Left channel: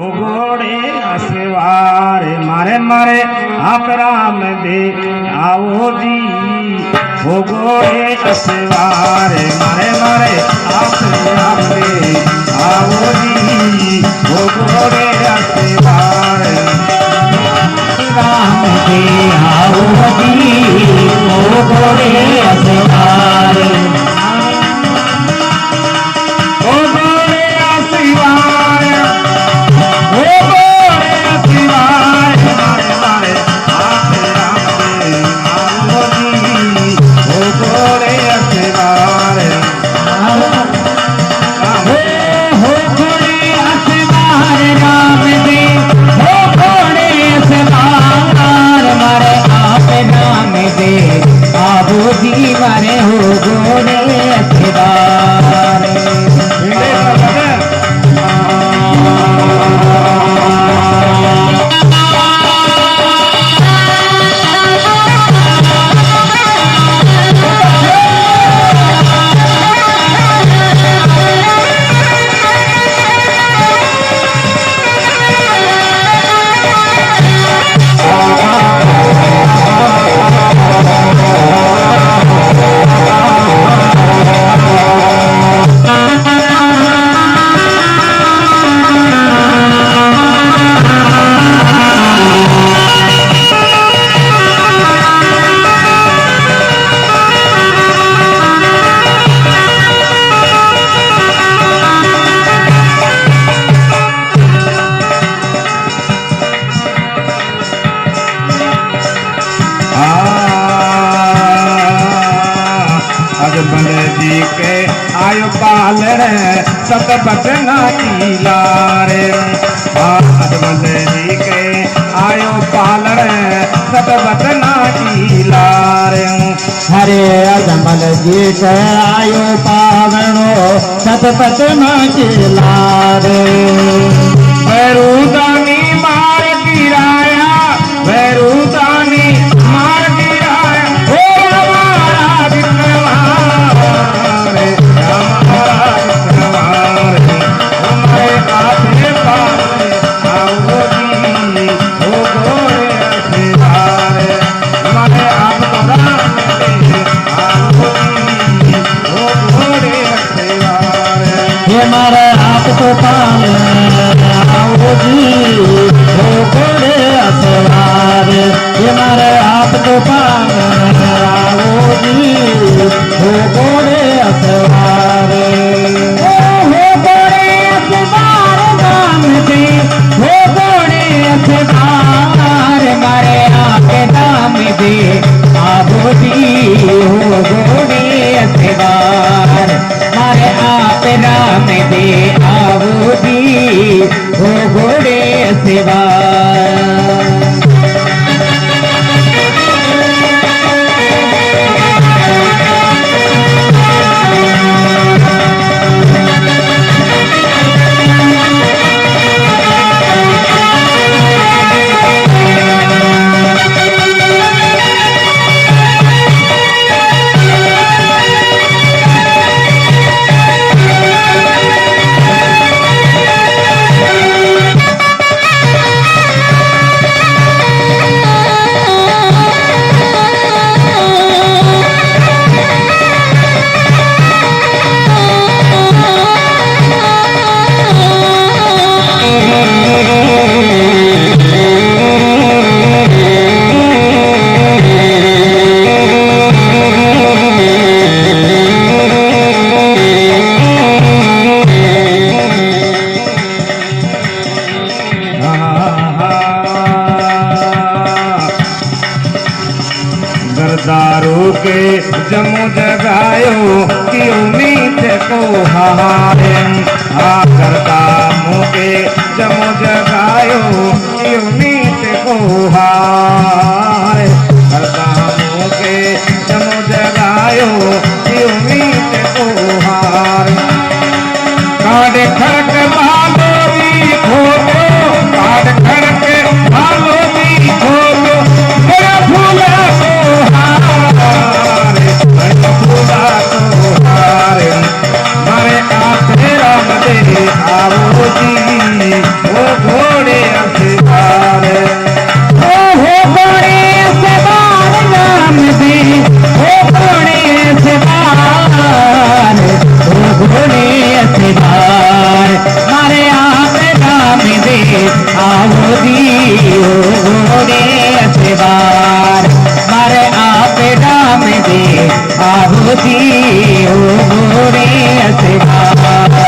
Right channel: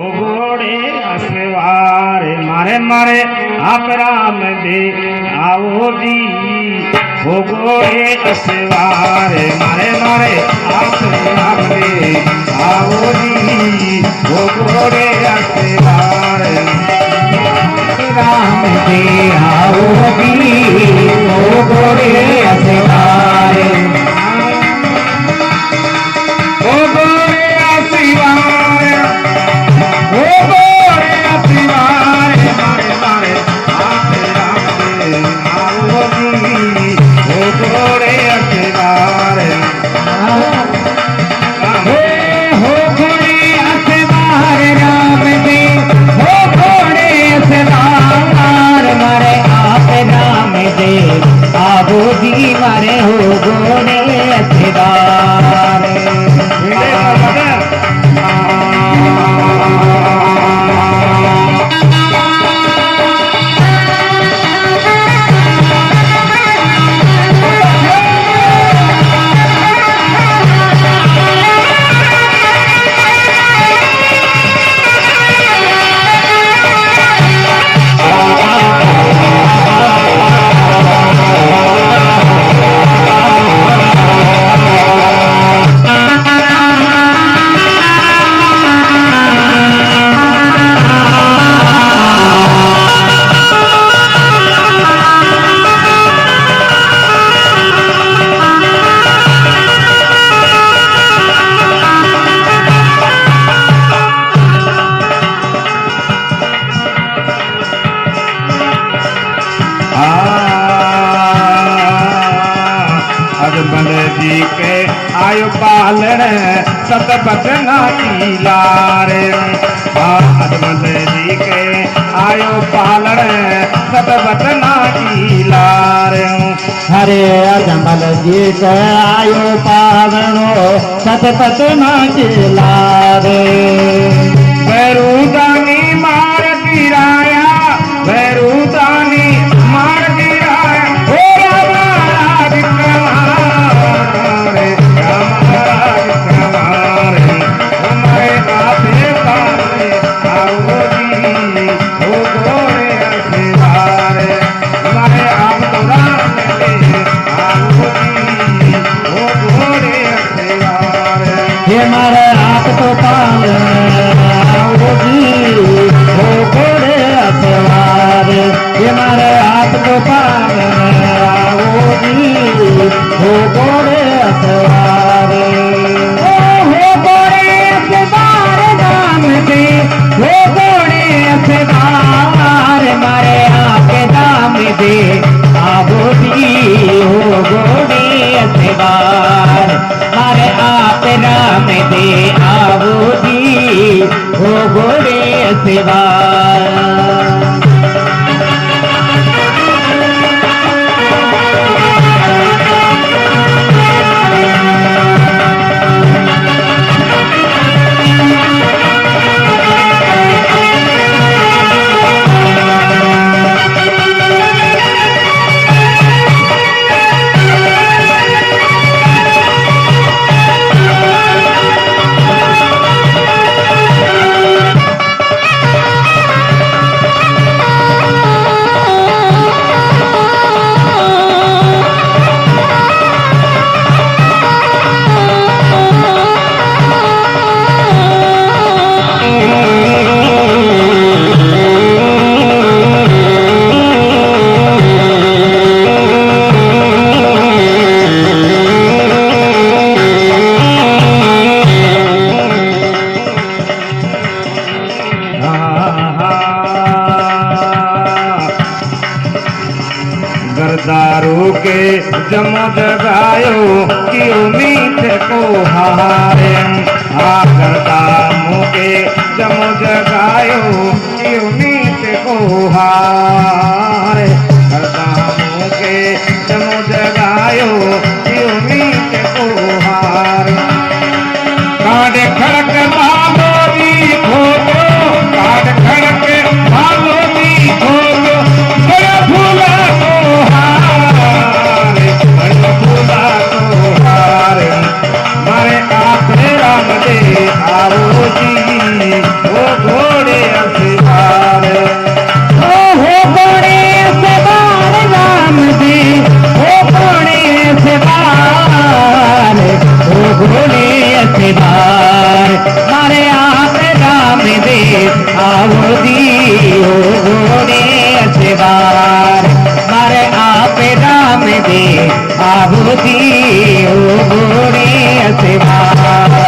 घोड़े असवारे मारे मारे आकराम दे आओ जी। वो घोड़े असवारे मारे मारे आकराम दे आओ जी। वो घोड़े असवारे राम दे आओ जी। वो घोड़े असवारे वो घोड़े असवारे मारे हो घोड़े अखबार जी के आयु पालन सतपथ नाची लारे। अजमल जी के आयु पालन सतपथ नाची लारे। हरे अजमल जी के आयु पावनो सतपथ नाची लारे। वैरूदानी मार गिराया वैरूदानी मार गिराया सेवा गरदारों के जमो जगायो कि उम्मीद को हारे। गरदारों के जमो जगायो कि उम्मीद को हारे। गरदारों के जमो जगायो कि उम्मीद को हारे। काढ़े खड़क भालो भी खोलो काढ़े खड़क भालो भी खोलो फूला मारे आप राम दे आओ जी। वो आओ दियो घोड़े अखबार मारे आपे राम दे आओ दियो घोड़े अखबार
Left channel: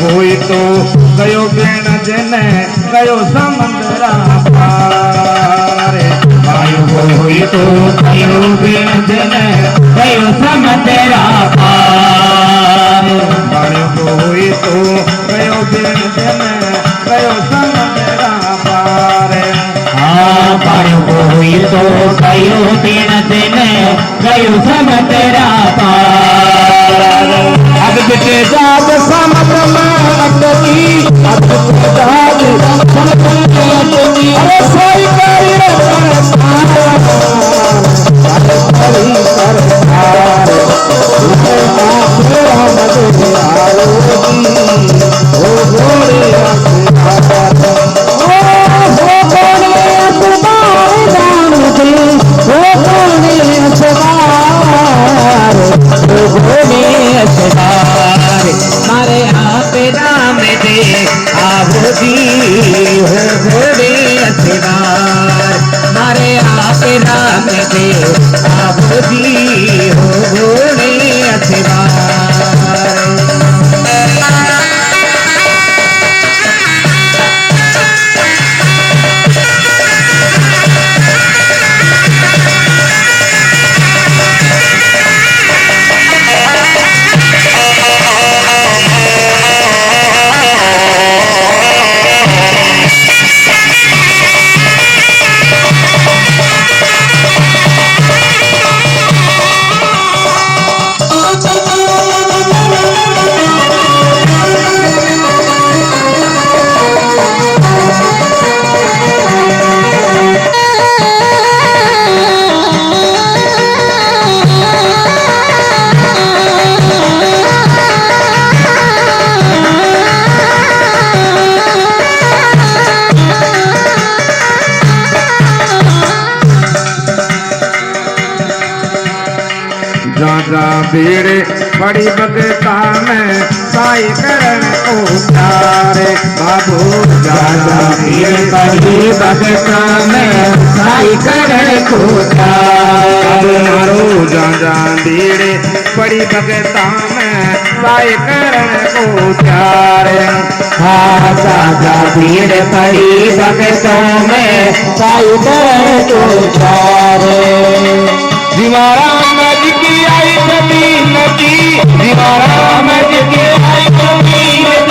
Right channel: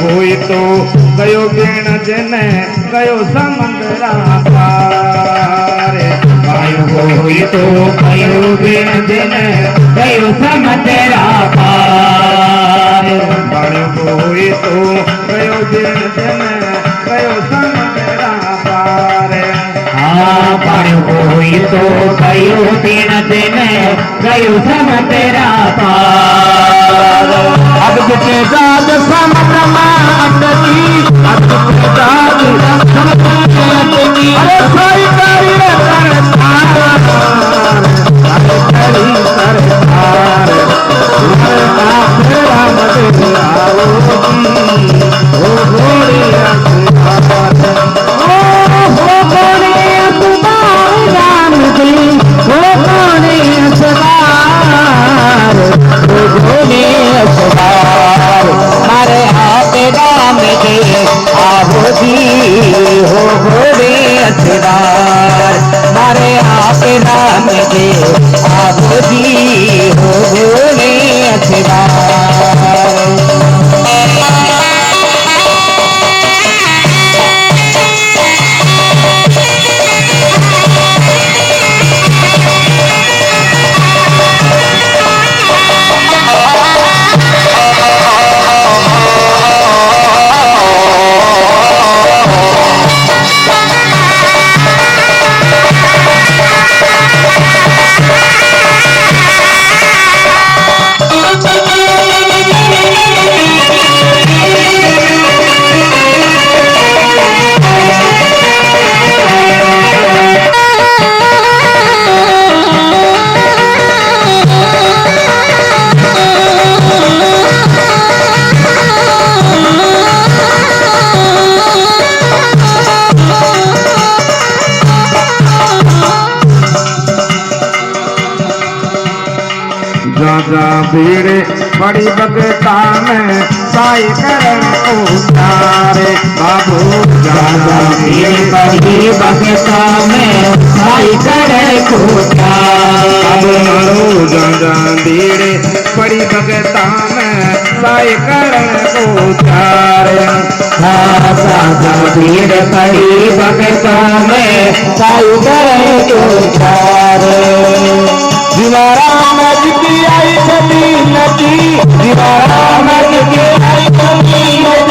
कोई तो गयो बेण जने गयो समंदरा पार आयो कोई तो कयो बिन दिन कयो समतेरा पार कोई तो गयो बेण जने गयो समंदरा पार हाँ पायो कोई तो कयो बिन दिन कयो समतेरा पार अब के जाग समुद्र मातनी अब के जाग समुद्र मातनी अरे सोई करी सरकार अरे करी सरकार उसे आखिरा मदे आओ ओ गोरी सरकार हो कोने अखबार राम दे हो कोने अखबार हो कोने अखबार मारे आप राम दे आओ दी हो घोड़े अखबार मारे आप राम दे आओ दी हो घोड़े अखबार जा भीड़ बड़ी बगता में साई करण उतारे बाबू जा भीड़ बड़ी बगता में साई करण उतारे मारो जा भीड़ बड़ी बगता में साई करण उतारे हाँ जा भीड़ बड़ी बगतों में साई करण उतारे दीवारा नद की आई जमीन की दीवारा नद की आई जमीन